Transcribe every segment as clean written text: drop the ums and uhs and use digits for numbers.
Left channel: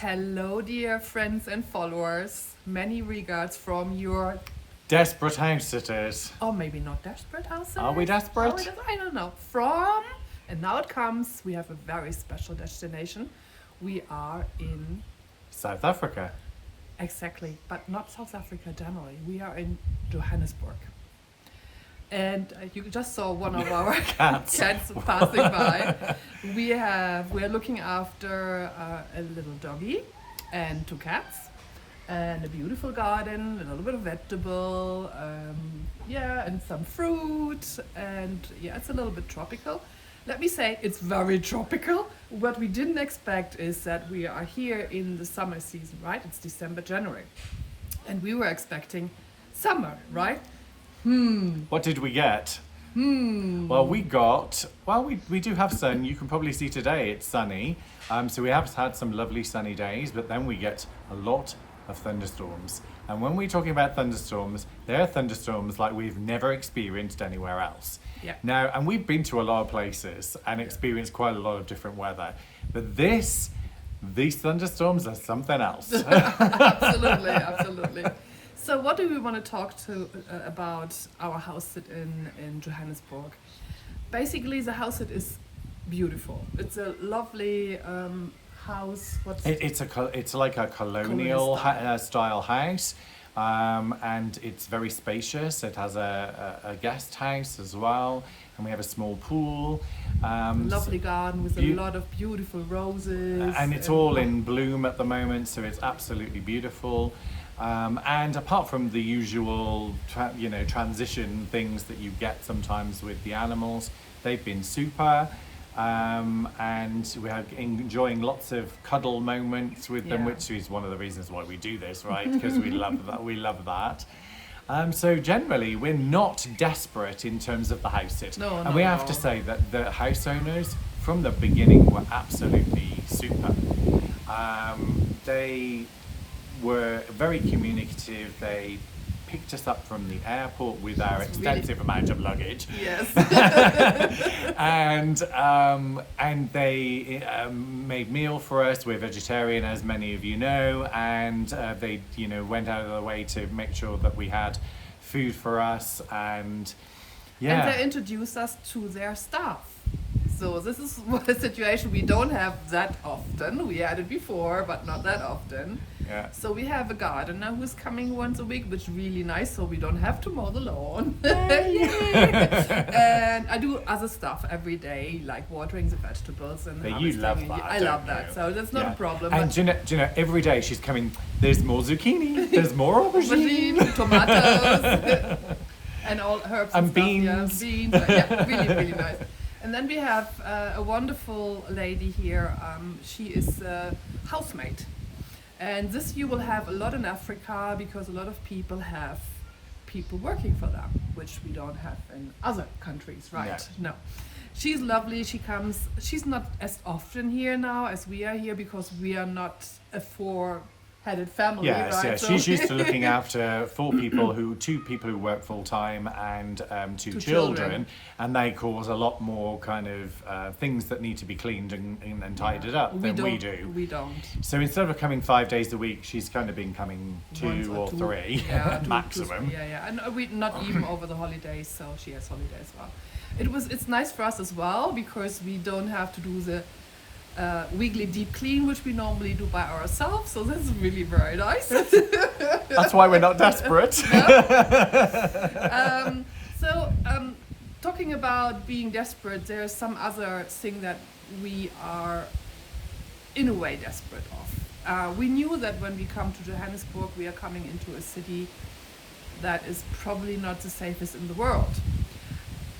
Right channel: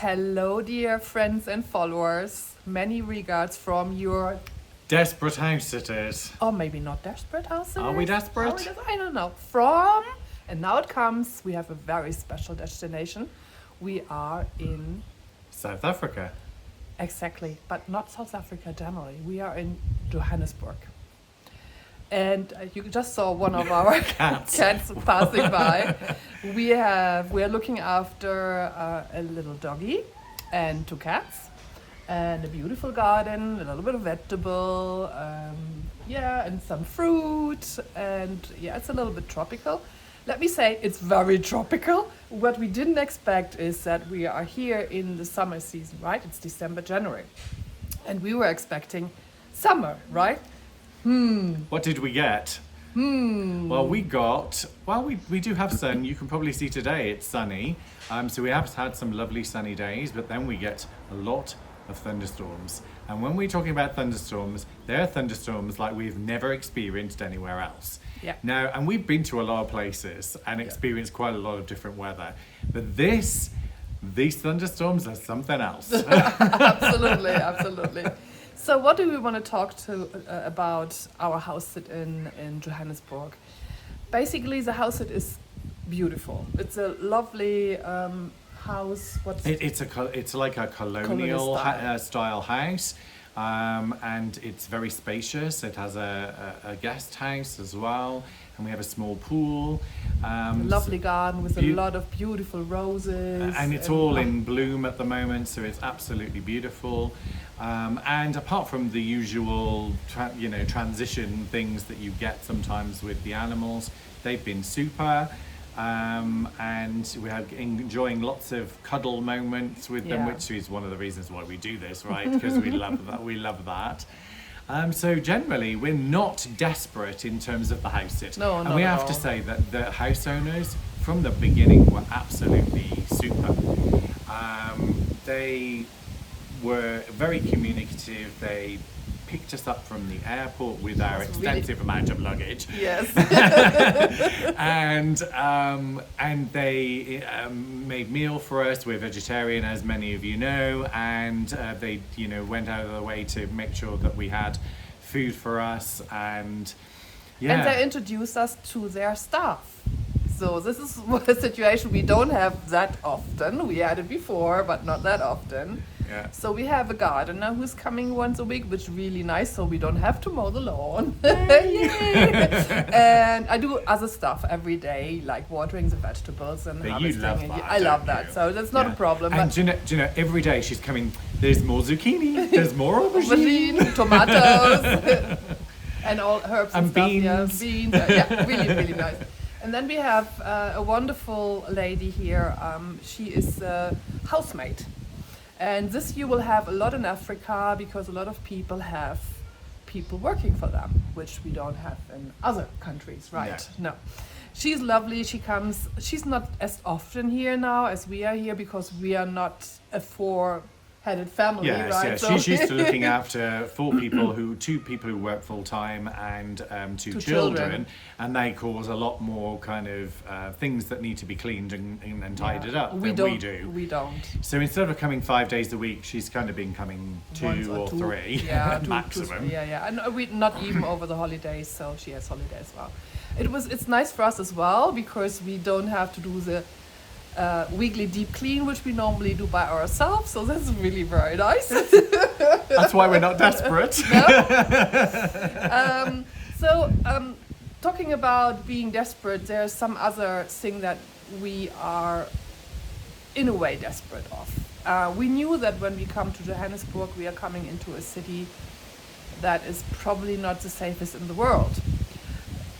Hello, dear friends and followers. Many regards from your, Desperate house sitters. or maybe not desperate house. Are we desperate? I don't know. From, and now it comes, we have a very special destination. We are in, South Africa. exactly, but not South Africa generally. We are in Johannesburg. And you just saw one of our Cats. cats passing by. We are looking after a little doggy and 2 cats and a beautiful garden, a little bit of vegetable, and some fruit, and it's a little bit tropical. Let me say it's very tropical. What we didn't expect is that we are here in the summer season, right? It's December, January, and we were expecting summer, right? What did we get? Well, we do have sun. You can probably see today it's sunny. So we have had some lovely sunny days, but then we get a lot of thunderstorms. And when we're talking about thunderstorms, they're thunderstorms like we've never experienced anywhere else. Yeah. Now, and we've been to a lot of places and experienced quite a lot of different weather. But these thunderstorms are something else. Absolutely. So what do we want to talk about our house sit in Johannesburg? Basically, the house sit is beautiful. It's a lovely house. It's like a colonial style house, and it's very spacious. It has a guest house as well, and we have a small pool. Lovely garden with a lot of beautiful roses. And it's all in bloom at the moment, so it's absolutely beautiful. And apart from the usual, transition things that you get sometimes with the animals, they've been super. And we're enjoying lots of cuddle moments with them, which is one of the reasons why we do this, right? Because we love that. We love that. So generally, we're not desperate in terms of the house sit. No, and we have to say that the house owners, from the beginning, were absolutely super. They were very communicative. They picked us up from the airport with our extensive amount of luggage. Yes. and they made meal for us. We're vegetarian, as many of you know, and they went out of their way to make sure that we had food for us, and they introduced us to their staff. So this is a situation we don't have that often. We had it before, but not that often. Yeah. So we have a gardener who's coming once a week, which is really nice, so we don't have to mow the lawn. And I do other stuff every day, like watering the vegetables and you love that, I love that, so that's not a problem. And do you know, every day she's coming, there's more zucchini, there's more aubergine, tomatoes, and all herbs and beans. Stuff. Yeah, really, really nice. And then we have a wonderful lady here. She is a housemaid. And this you will have a lot in Africa because a lot of people have people working for them, which we don't have in other countries, right? Yeah. No. She's lovely. She comes. She's not as often here now as we are here because we are not a 4-headed family, yes, right? Yes, So she's used to looking after 2 people who work full time and 2 children, and they cause a lot more kind of things that need to be cleaned and tidied up than we do. We don't. So instead of coming 5 days a week, she's kind of been coming 2 or 3 maximum. And we not even over the holidays, so she has holidays as well. It's nice for us as well because we don't have to do the weekly deep clean, which we normally do by ourselves, so that's really very nice. That's why we're not desperate. Talking about being desperate, there's some other thing that we are in a way desperate of. We knew that when we come to Johannesburg, we are coming into a city that is probably not the safest in the world,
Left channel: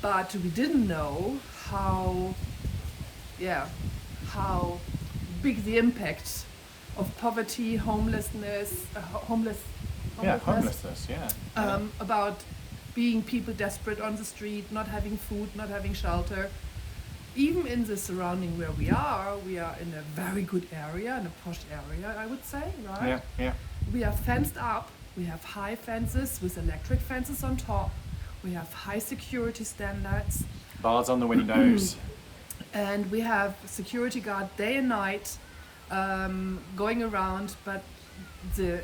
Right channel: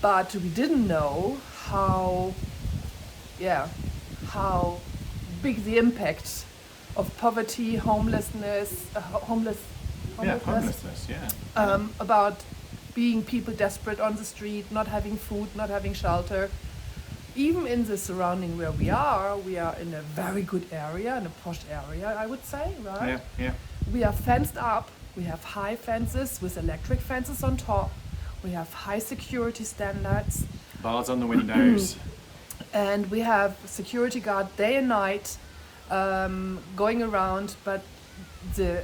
but we didn't know how big the impact of poverty, homelessness, about being people desperate on the street, not having food, not having shelter. Even in the surrounding where we are in a very good area, in a posh area, I would say, right? Yeah. We are fenced up. We have high fences with electric fences on top. We have high security standards. Bars on the windows. And we have security guard day and night going around, but the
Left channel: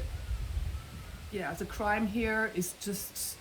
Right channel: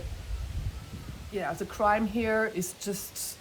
crime here is just,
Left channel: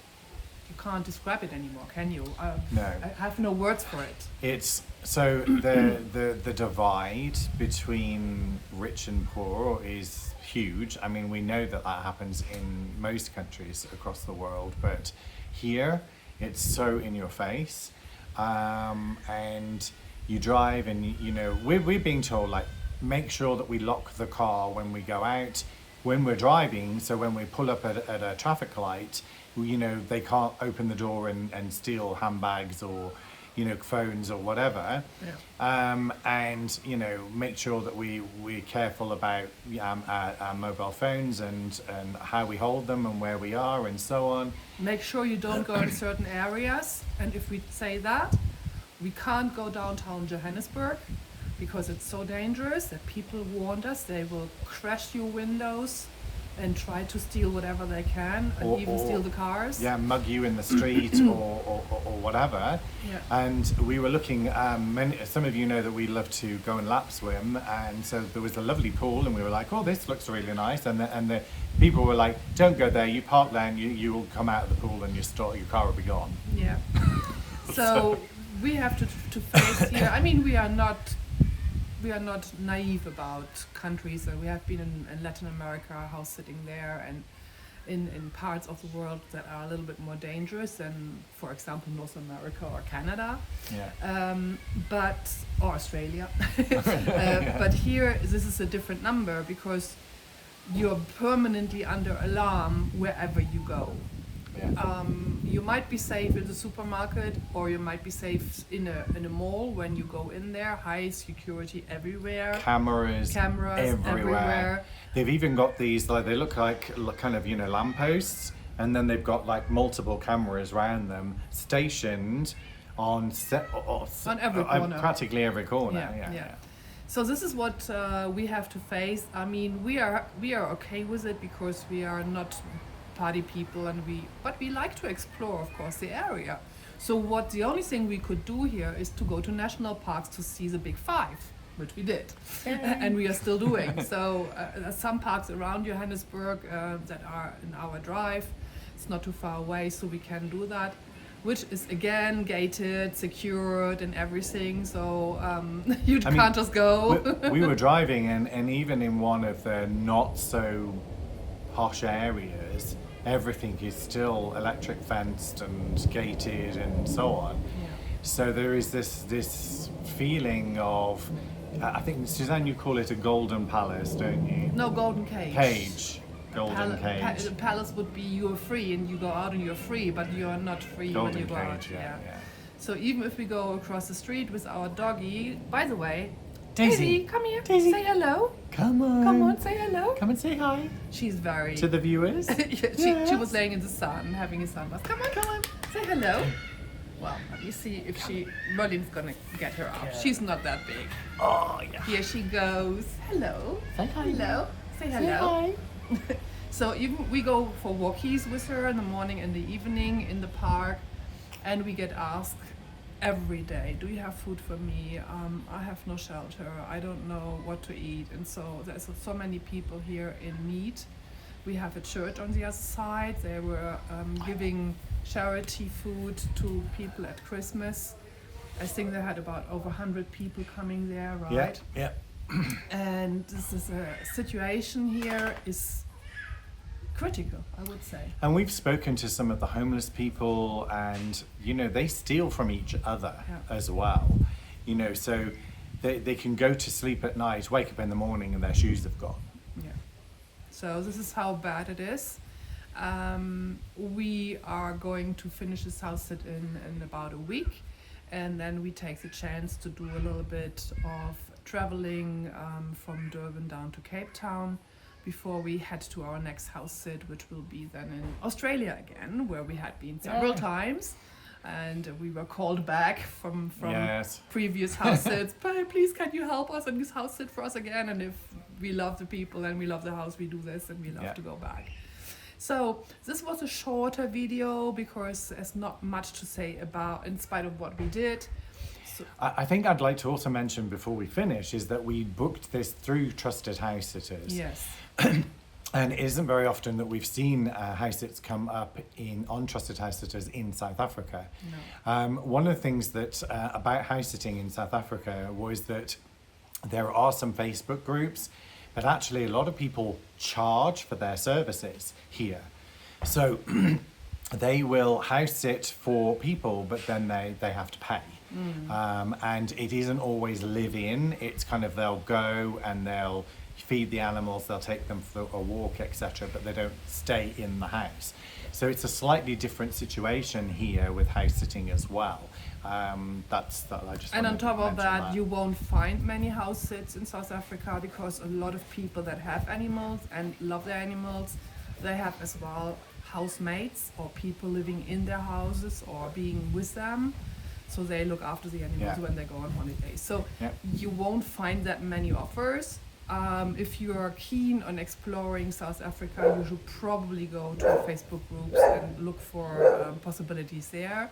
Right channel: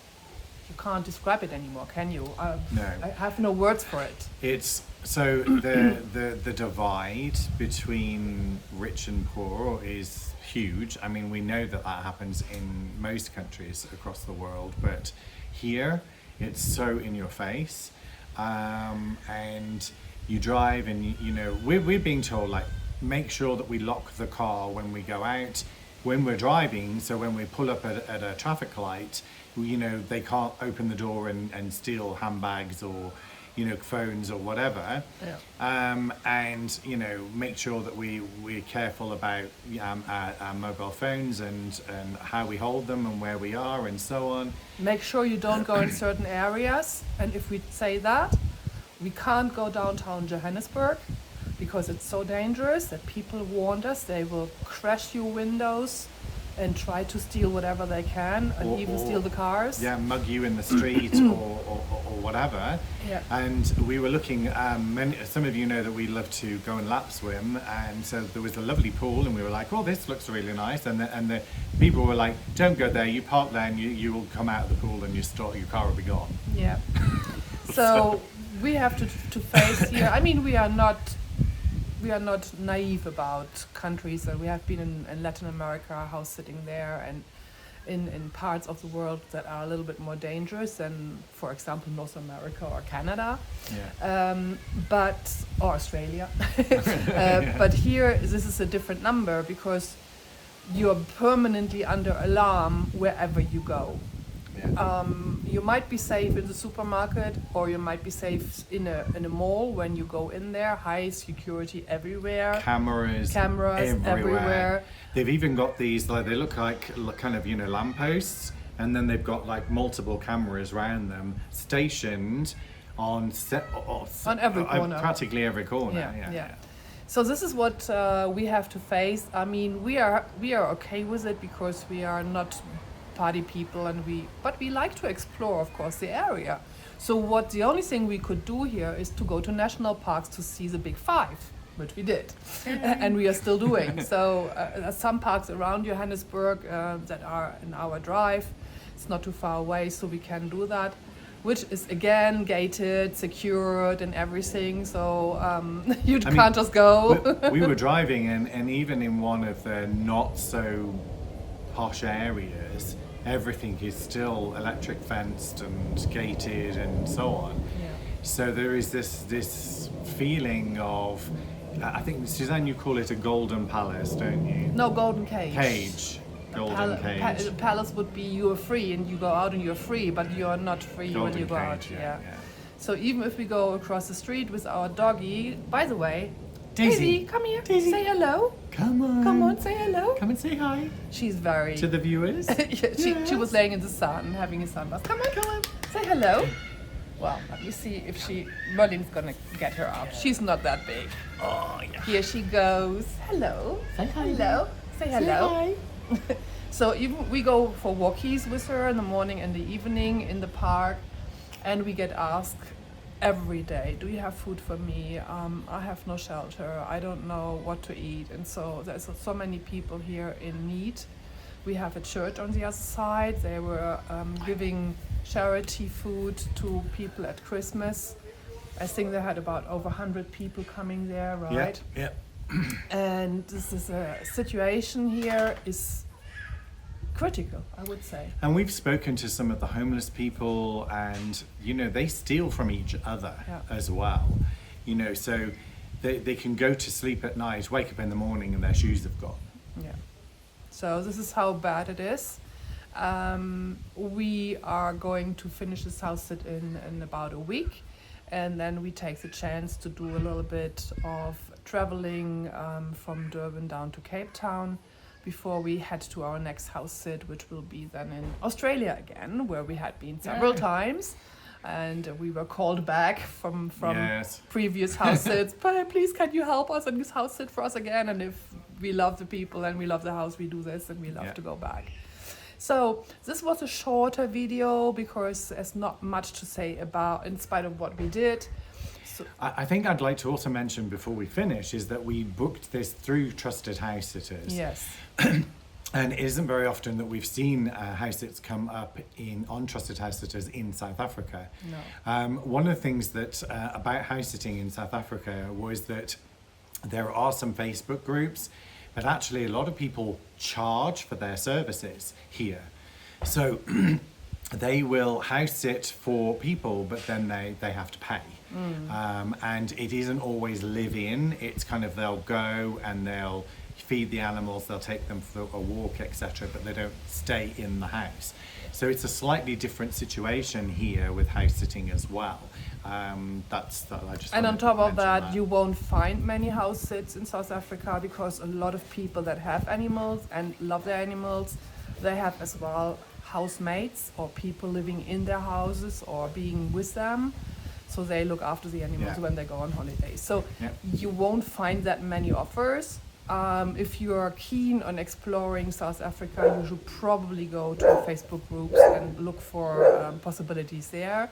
you can't describe it anymore, can you? No. I have no words for it. It's so the divide between rich and poor is huge. I mean, we know that happens in most countries across the world, but here it's so in your face. And you drive, and you know we're being told, like, make sure that we lock the car when we go out, when we're driving, so when we pull up at a traffic light, you know, they can't open the door and steal handbags or, you know, phones or whatever. Yeah. And, you know, make sure that we're careful about our mobile phones and how we hold them and where we are and so on. Make sure you don't go in certain areas, and if we say that, we can't go downtown Johannesburg because it's so dangerous that people warned us they will crash your windows and try to steal whatever they can, and even steal the cars. Yeah, mug you in the street or whatever. Yeah. And we were looking, some of you know that we love to go and lap swim, and so there was a lovely pool, and we were like, oh, this looks really nice. And the people were like, don't go there, you park there, and you will come out of the pool and your car will be gone. Yeah. So we have to face here. I mean, we are not naive about countries, and we have been in Latin America, house sitting there, and in parts of the world that are a little bit more dangerous than, for example, North America or Canada, or Australia. But here, this is a different number because you're permanently under alarm wherever you go. Yeah. You might be safe in the supermarket, or you might be safe in a mall when you go in there. High security everywhere. Cameras everywhere. They've even got these, like, they look like kind of, you know, lampposts, and then they've got like multiple cameras around them stationed on every corner. Practically every corner. Yeah. So this is what we have to face. I mean, we are okay with it because we are not party people, but we like to explore, of course, the area. So the only thing we could do here is to go to national parks to see the big five, which we did, and we are still doing. So there's some parks around Johannesburg that are in our drive. It's not too far away, so we can do that, which is again gated, secured, and everything. So you can't just go. we were driving, and even in one of the not so posh areas, everything is still electric fenced and gated and so on. Yeah. So there is this feeling of, I think, Suzanne, you call it a golden palace, don't you? No, golden cage. Golden cage. The palace would be you're free and you go out and you're free, but you're not free golden when you go out. Cage, yeah. So even if we go across the street with our doggy, by the way, Daisy, come here. Daisy. Say hello. Come on, say hello. Come and say hi. She's very... To the viewers? She was laying in the sun, having a sunbath. Come on. Say hello. Well, let me see if Merlin's gonna get her up. She's not that big. Oh, yeah. Here she goes. Hello. Say hi. Hello. Say hello. Say hi. So even we go for walkies with her in the morning and the evening in the park, and we get asked every day, do you have food for me? I have no shelter. I don't know what to eat. And so there's so many people here in need. We have a church on the other side. They were giving charity food to people at Christmas. I think they had about over 100 people coming there, right? Yeah. And this is a situation here is critical, I would say. And we've spoken to some of the homeless people, and you know, they steal from each other as well. You know, so they can go to sleep at night, wake up in the morning, and their shoes have gone. Yeah. So this is how bad it is. We are going to finish this house sit in about a week, and then we take the chance to do a little bit of traveling from Durban down to Cape Town before we head to our next house sit, which will be then in Australia again, where we had been several times. And we were called back from previous house sits. But please, can you help us and this house sit for us again? And if we love the people and we love the house, we do this and we love to go back. So this was a shorter video because there's not much to say about, in spite of what we did. I think I'd like to also mention before we finish is that we booked this through Trusted House Sitters. Yes. And it isn't very often that we've seen house sits come up on Trusted House Sitters in South Africa. No. One of the things that about house sitting in South Africa was that there are some Facebook groups, but actually a lot of people charge for their services here. So they will house sit for people, but then they have to pay. And it isn't always live in. It's kind of they'll go and they'll feed the animals, they'll take them for a walk, etc., but they don't stay in the house. So it's a slightly different situation here with house sitting as well. I just And on top of that, that, you won't find many house sits in South Africa because a lot of people that have animals and love their animals, they have as well housemates or people living in their houses or being with them. So they look after the animals when they go on holiday. So you won't find that many offers. If you are keen on exploring South Africa, you should probably go to Facebook groups and look for possibilities there.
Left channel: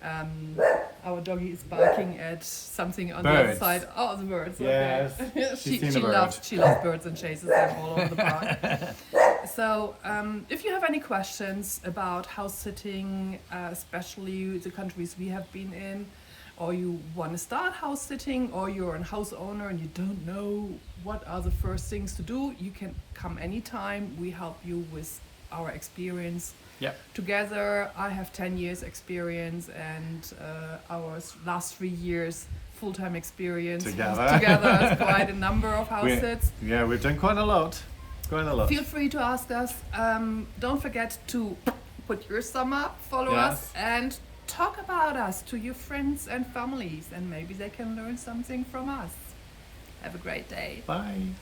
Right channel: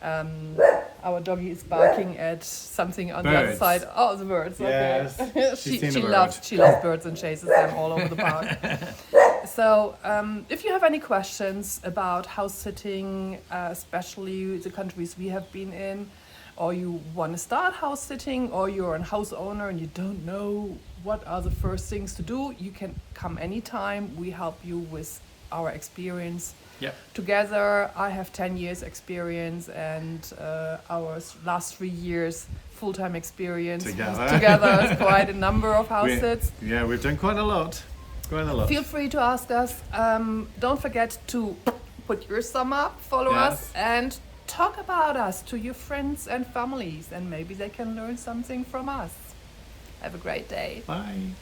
Our doggy is barking at something on the other side. Oh, the birds. Yes, okay. she's seen a bird. She loves birds and chases them all over the park. So if you have any questions about house sitting, especially the countries we have been in, or you want to start house sitting, or you're a house owner and you don't know what are the first things to do, you can come anytime. We help you with our experience. Yep. Together, I have 10 years experience and our last 3 years full-time experience. Together is quite a number of house sits. Yeah, we've done quite a lot. Feel free to ask us. Don't forget to put your thumb up, follow us, and talk about us to your friends and families, and maybe they can learn something from us. Have a great day. Bye.